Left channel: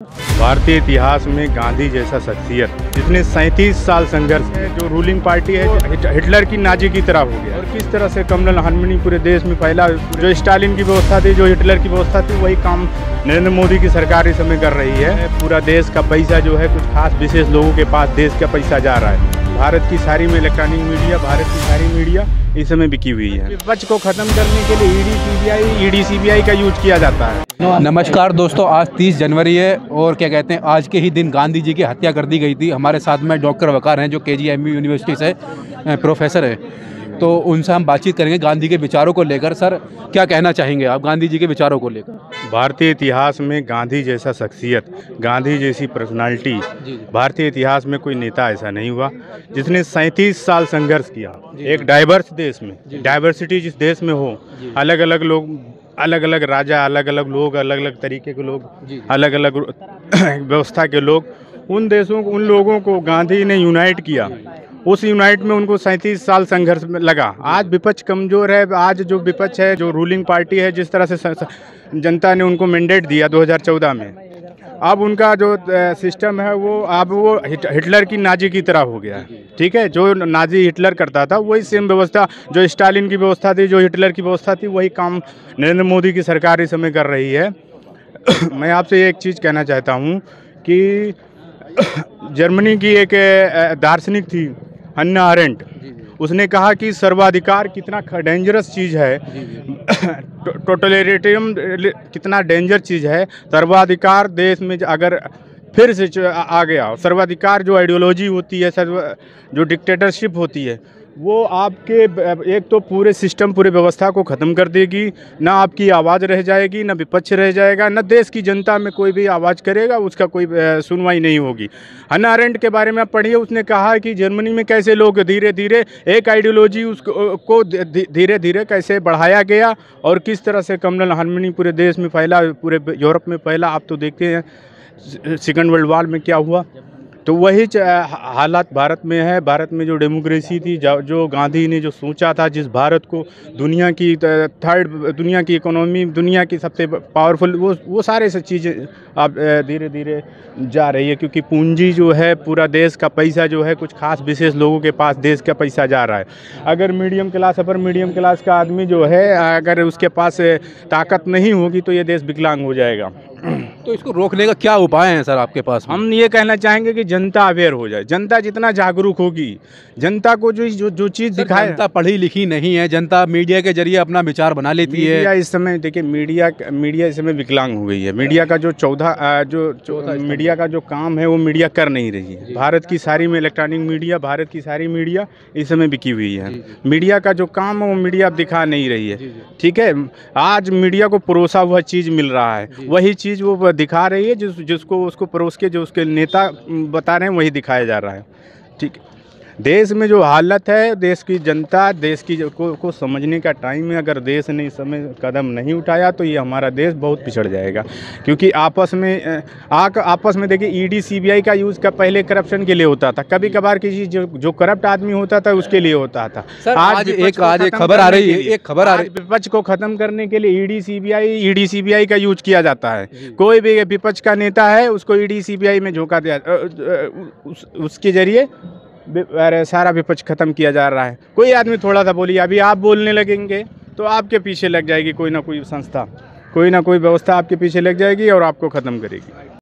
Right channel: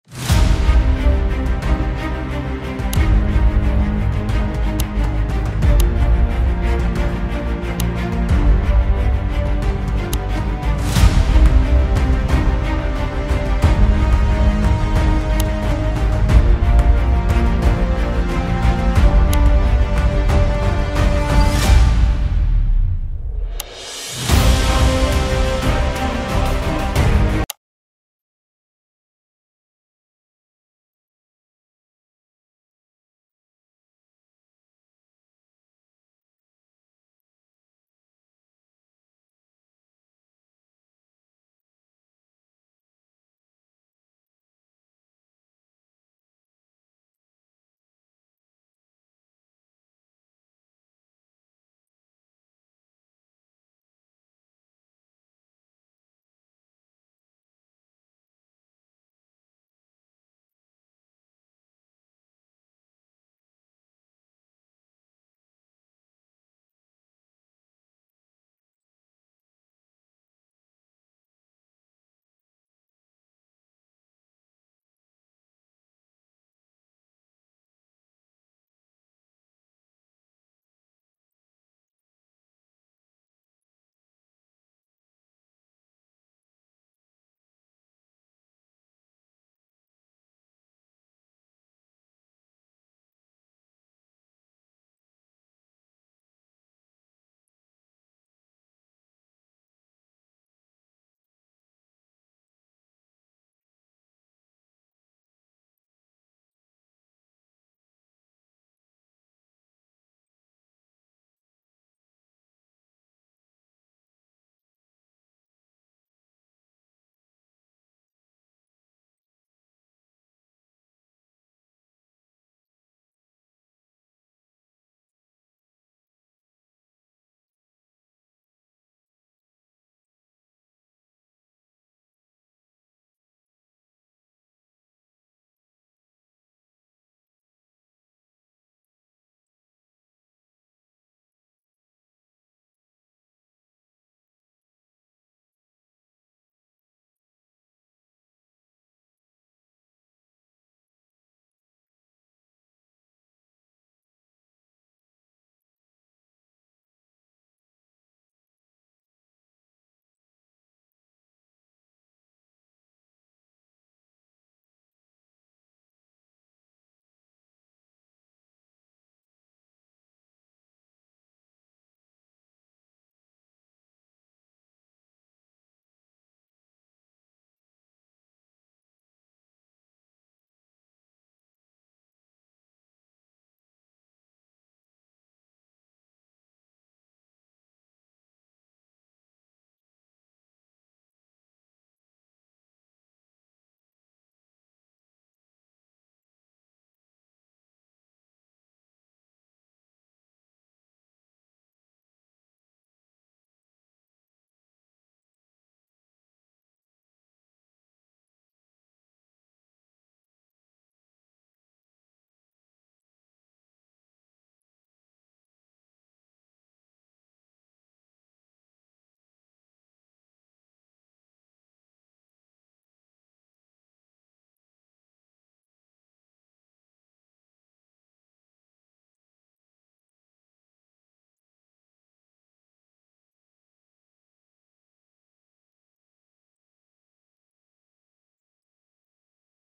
भारतीय इतिहास में गांधी जैसा शख्सियत जिसने 37 साल संघर्ष है, जो रूलिंग पार्टी है हिटलर की नाजी की तरफ हो गया। किस तरह से कमल हारमोनी पूरे देश में फैला, जो स्टालिन की व्यवस्था थी, जो हिटलर की व्यवस्था थी, वही काम नरेंद्र मोदी की सरकार इस समय कर रही है। पूरा देश का पैसा जो है कुछ खास विशेष लोगों के पास देश का पैसा जा रहा है। भारत की सारी में इलेक्ट्रॉनिक मीडिया, भारत की सारी मीडिया इस समय बिकी हुई है। विपक्ष को खत्म करने के लिए ईडी सीबीआई का यूज किया जाता है। नमस्कार दोस्तों, आज 30 जनवरी है और क्या कहते हैं, आज के ही दिन गांधी जी की हत्या कर दी गई थी। हमारे साथ में डॉक्टर वकार हैं जो KGMU यूनिवर्सिटी से प्रोफेसर है, तो उनसे हम बातचीत करेंगे गांधी के विचारों को लेकर। सर, क्या कहना चाहेंगे आप गांधी जी के विचारों को लेकर? भारतीय इतिहास में गांधी जैसा शख्सियत, गांधी जैसी पर्सनालिटी, भारतीय इतिहास में कोई नेता ऐसा नहीं हुआ जिसने 37 साल संघर्ष किया। एक डाइवर्स देश में, डाइवर्सिटी जिस देश में हो, अलग अलग लोग, अलग अलग राजा, अलग अलग लोग, अलग अलग तरीके के लोग, अलग अलग व्यवस्था के लोग, उन देशों को, उन लोगों को गांधी ने यूनाइट किया। उस यूनाइट में उनको 37 साल संघर्ष में लगा। आज विपक्ष कमज़ोर है। आज जो विपक्ष है, जो रूलिंग पार्टी है, जिस तरह से जनता ने उनको मैंडेट दिया 2014 में, अब उनका जो सिस्टम है वो अब वो हिटलर की नाजी की तरह हो गया। ठीक है, जो नाजी हिटलर करता था वही सेम व्यवस्था, जो स्टालिन की व्यवस्था थी, जो हिटलर की व्यवस्था थी, वही काम नरेंद्र मोदी की सरकार इस समय कर रही है। मैं आपसे एक चीज़ कहना चाहता हूँ कि जर्मनी की एक दार्शनिक थी हन्ना अरेंट, उसने कहा कि सर्वाधिकार कितना डेंजरस चीज़ है, टोटलिटेरियम कितना डेंजर चीज़ है। सर्वाधिकार देश में अगर फिर से आ गया, सर्वाधिकार जो आइडियोलॉजी होती है, जो डिक्टेटरशिप होती है, वो आपके एक तो पूरे सिस्टम, पूरे व्यवस्था को ख़त्म कर देगी। ना आपकी आवाज़ रह जाएगी, ना विपक्ष रह जाएगा, ना देश की जनता में कोई भी आवाज़ करेगा, उसका कोई सुनवाई नहीं होगी। हन्ना अरेंट के बारे में आप पढ़िए, उसने कहा कि जर्मनी में कैसे लोग धीरे धीरे एक आइडियोलॉजी उसको धीरे धीरे कैसे बढ़ाया गया और किस तरह से कमल हारमोनी पूरे देश में फैला, पूरे यूरोप में फैला। आप तो देखते हैं सेकंड वर्ल्ड वॉर में क्या हुआ। तो वही हालात भारत में है। भारत में जो डेमोक्रेसी थी, जो गांधी ने जो सोचा था, जिस भारत को दुनिया की थर्ड, दुनिया की इकोनॉमी, दुनिया की सबसे पावरफुल, वो सारे सब चीज़ें अब धीरे धीरे जा रही है, क्योंकि पूंजी जो है, पूरा देश का पैसा जो है कुछ खास विशेष लोगों के पास देश का पैसा जा रहा है। अगर मिडियम क्लास, अपर मिडियम क्लास का आदमी जो है, अगर उसके पास ताकत नहीं होगी तो ये देश विकलांग हो जाएगा। तो इसको रोकने का क्या उपाय है सर आपके पास? हम ये कहना चाहेंगे कि जनता अवेयर हो जाए। जनता जितना जागरूक होगी, जनता को जो चीज़ दिखाए। जनता पढ़ी लिखी नहीं है, जनता मीडिया के जरिए अपना विचार बना लेती है। मीडिया इस समय, देखिए, मीडिया इस समय विकलांग हो गई है। मीडिया का जो मीडिया का जो काम है वो मीडिया कर नहीं रही है। भारत की सारी में इलेक्ट्रॉनिक मीडिया, भारत की सारी मीडिया इस समय बिकी हुई है। मीडिया का जो काम है वो मीडिया अब दिखा नहीं रही है। ठीक है, आज मीडिया को परोसा हुआ चीज़ मिल रहा है, वही चीज़ वो दिखा रही है, जिसको उसको परोस के जो उसके नेता बता रहे हैं वही दिखाया जा रहा है। ठीक है, देश में जो हालत है, देश की जनता, देश की को समझने का टाइम है। अगर देश ने इस समय कदम नहीं उठाया तो ये हमारा देश बहुत पिछड़ जाएगा। क्योंकि आपस में देखिए, ईडी सीबीआई का यूज़ का पहले करप्शन के लिए होता था, कभी कभार किसी जो करप्ट आदमी होता था उसके लिए होता था। आज एक खबर आ रही है, विपक्ष को खत्म करने के लिए ईडी सीबीआई का यूज किया जाता है। कोई भी विपक्ष का नेता है, उसको ईडी सीबीआई में झोंका दिया, उसके जरिए सारा विपक्ष खत्म किया जा रहा है। कोई आदमी थोड़ा सा बोलिए, अभी आप बोलने लगेंगे तो आपके पीछे लग जाएगी कोई ना कोई संस्था, कोई ना कोई व्यवस्था आपके पीछे लग जाएगी और आपको ख़त्म करेगी।